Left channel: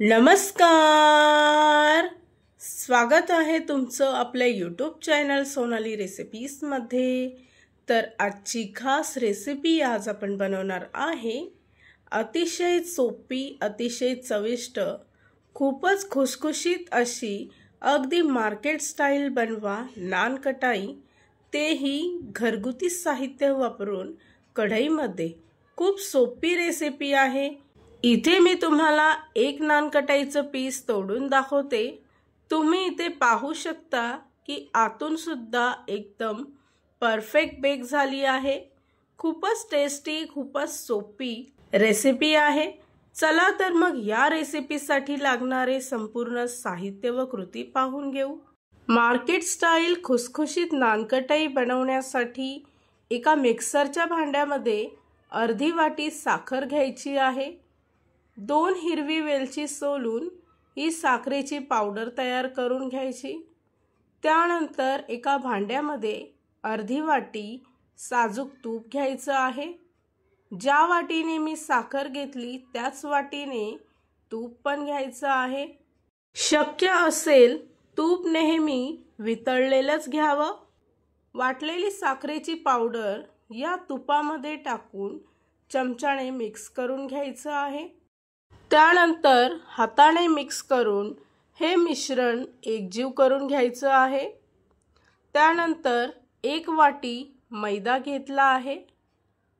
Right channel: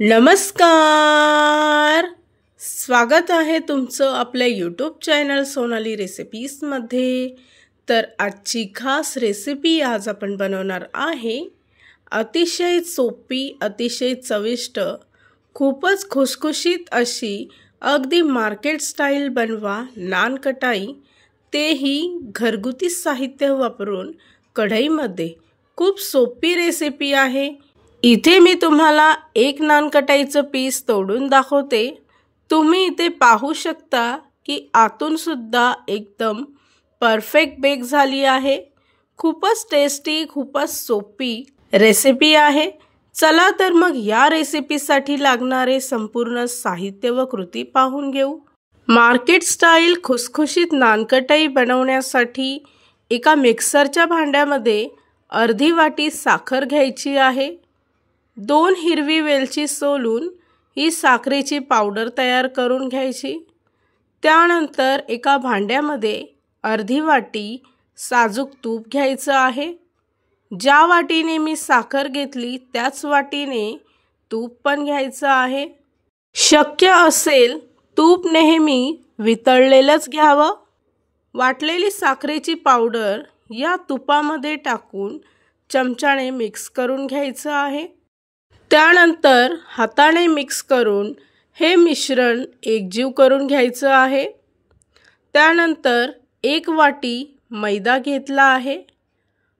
नमस्कार, स्वागत आहे तुमचं आपल्या यूट्यूब चॅनल सोनाली रेसिपीजमध्ये। तर आजची खास रेसिपी आज आपण बनवणार आहे अतिशय सोपी, अतिशय चविष्ट, खूपच खुसखुशीत अशी अगदी मार्केट स्टाईल बनवा नान कटाई, तेही घरगुती साहित्य वापरून कढईमध्ये। खूप सोपी रेसिपी आहे। इथे मी तुम्हाला एक नान कटाईचं पीस तोडून दाखवते। तुम्ही इथे पाहू शकता की आतून सुद्धा एकदम परफेक्ट बेक झाली आहे। खूपच टेस्टी, खूपच सोपी रेसिपी आहे। चला तर मग या रेसिपीसाठी लागणारे संपूर्ण साहित्य व कृती पाहून घेऊ। मार्केट स्टाईल खुसखुशीत नान कटाई बनवण्यासाठी एका मिक्सरच्या भांड्यामध्ये अर्धी वाटी साखर घ्यायची आहे। 2 हिरवी वेलची सोलून ही साखरेची पावडर तयार करून घ्यायची। त्यानंतर एका भांड्यामध्ये अर्धी वाटी साजूक तूप घ्यायचं आहे। ज्या वाटीने मी साखर घेतली त्याच वाटीने तूप पण घ्यायचं आहे। शक्य असेल तूप नेहमी वितळलेलंच घ्यावं। वाटलेली साखरेची पावडर या तुपामध्ये टाकून चमच्याने मिक्स करून घ्यायचं आहे। त्यानंतर हाताने मिक्स करून हे मिश्रण एकजीव करून घ्यायचं आहे। त्यानंतर 1 वाटी मैदा घेतला आहे,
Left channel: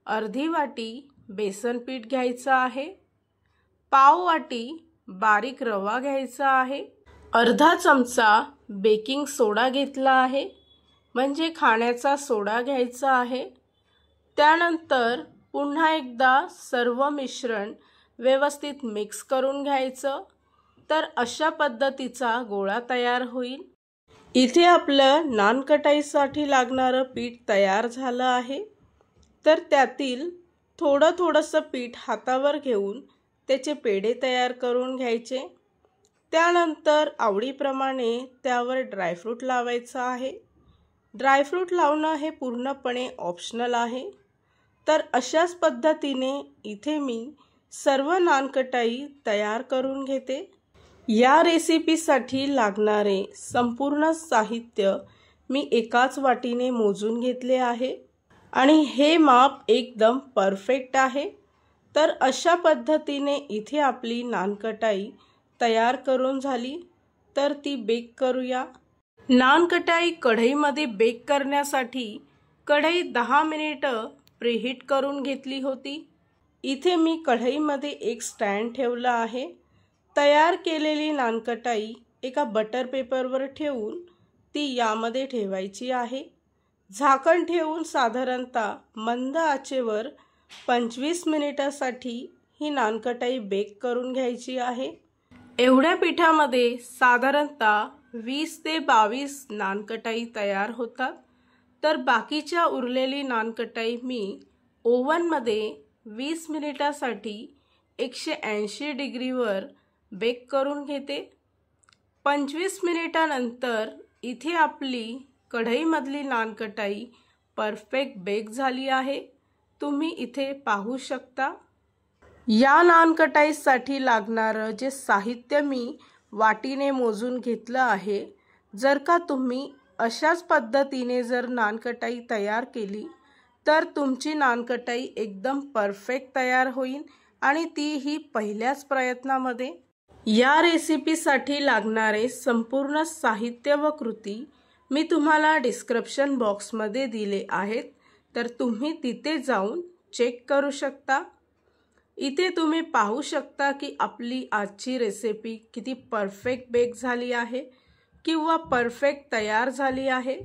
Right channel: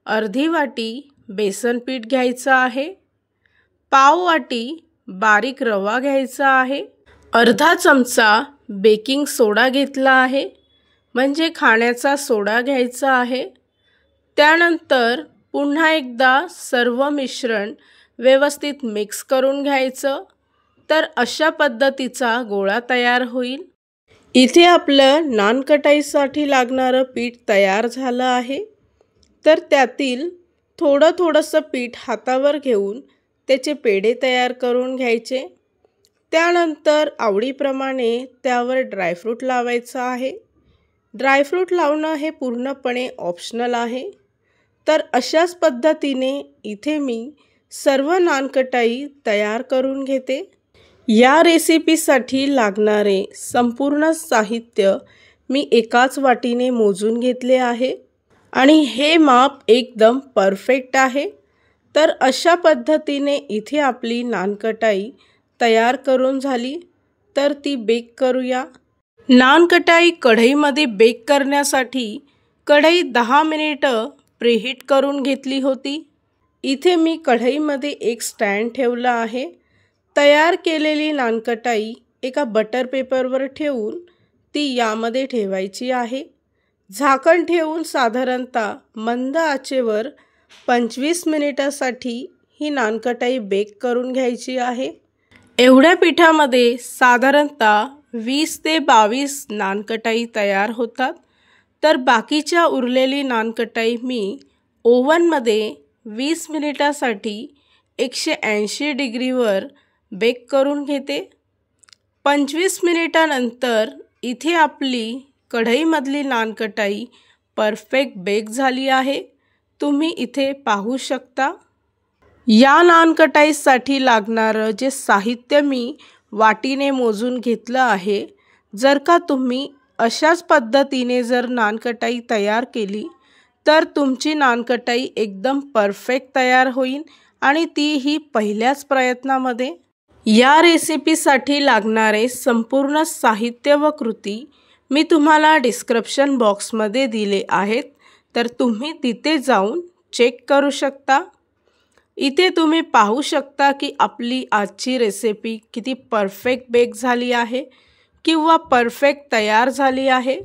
अर्धी वाटी बेसन पीठ घ्यायचं आहे, पाव वाटी बारीक रवा घ्यायचा आहे, अर्धा चमचा बेकिंग सोडा घेतला आहे, म्हणजे खाण्याचा सोडा घ्यायचा आहे। त्यानंतर पुन्हा एकदा सर्व मिश्रण व्यवस्थित मिक्स करून घ्यायचं। तर अशा पद्धतीचा गोळा तयार होईल। इथे आपलं नान कटाईसाठी लागणारं पीठ तयार झालं आहे। तर त्यातील थोडंसं पीठ हातावर घेऊन त्याचे पेढे तयार करून घ्यायचे। त्यानंतर आवडीप्रमाणे त्यावर ड्रायफ्रूट लावायचं आहे। ड्रायफ्रूट लावणं हे पूर्णपणे ऑप्शनल आहे। तर अशाच पद्धतीने इथे मी सर्व नान कटाई तयार करून घेते। या रेसिपीसाठी लागणारे संपूर्ण साहित्य मी एकाच वाटीने मोजून घेतले आहे आणि हे माप एकदम परफेक्ट आहे। तर अशा पद्धतीने इथे आपली नान कटाई तयार करून झाली। तर ती बेक करूया। नान कटाई कढईमध्ये बेक करण्यासाठी कढई 10 मिनिटं प्रीहीट करून घेतली होती। इथे मी कढईमध्ये एक स्टँड ठेवला आहे। तयार केलेली नान कटाई एका बटर पेपरवर ठेवून ती यामध्ये ठेवायची आहे। झाकण ठेवून साधारणतः मंद आचेवर 25 मिनिटासाठी ही नान कटाई बेक करून घ्यायची आहे। एवढ्या पिठामध्ये साधारणतः 20 ते 22 नान कटाई तयार होतात। तर बाकीच्या उरलेली नान कटाई मी ओव्हनमध्ये 20 मिनिटासाठी 180 डिग्रीवर बेक करून घेते। 25 मिनिटानंतर इथे आपली कढईमधली नान कटाई परफेक्ट बेक झाली आहे। तुम्ही इथे पाहू शकता। या नान कटाईसाठी लागणारं जे साहित्य मी वाटीने मोजून घेतलं आहे, जर का तुम्ही अशाच पद्धतीने जर नान कटाई तयार केली तर तुमची नान कटाई एकदम परफेक्ट तयार होईल आणि तीही पहिल्याच प्रयत्नामध्ये। या रेसिपीसाठी लागणारे संपूर्ण साहित्य व कृती मी तुम्हाला डिस्क्रिप्शन बॉक्समध्ये दिले आहेत। तर तुम्ही तिथे जाऊन चेक करू शकता। इथे तुम्ही पाहू शकता की आपली आजची रेसिपी किती परफेक्ट बेक झाली आहे किंवा परफेक्ट तयार झाली आहे।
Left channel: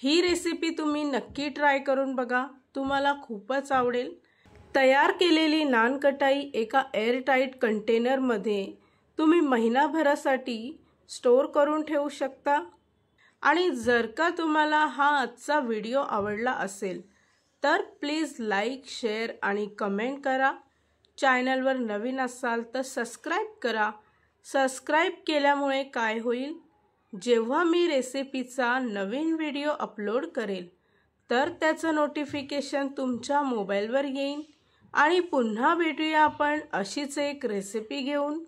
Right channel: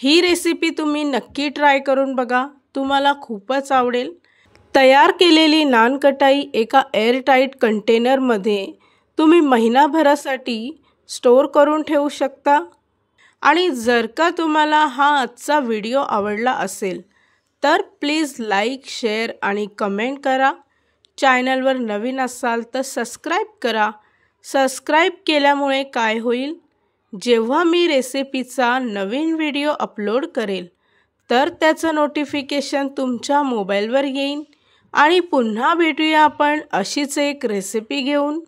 ही रेसिपी तुम्ही नक्की ट्राय करून बघा, तुम्हाला खूपच आवडेल। तयार केलेली नान कटाई एका एअरटाईट कंटेनरमध्ये तुम्ही महिनाभरासाठी स्टोअर करून ठेवू शकता। आणि जर का तुम्हाला हा आजचा व्हिडिओ आवडला असेल तर प्लीज लाईक, शेअर आणि कमेंट करा। चॅनलवर नवीन असाल तर सबस्क्राईब करा। सबस्क्राईब केल्यामुळे काय होईल, जेव्हा मी रेसिपीचा नवीन व्हिडिओ अपलोड करेल तर त्याचं नोटिफिकेशन तुमच्या मोबाईलवर येईल। आणि पुन्हा भेटूया आपण अशीच एक रेसिपी घेऊन।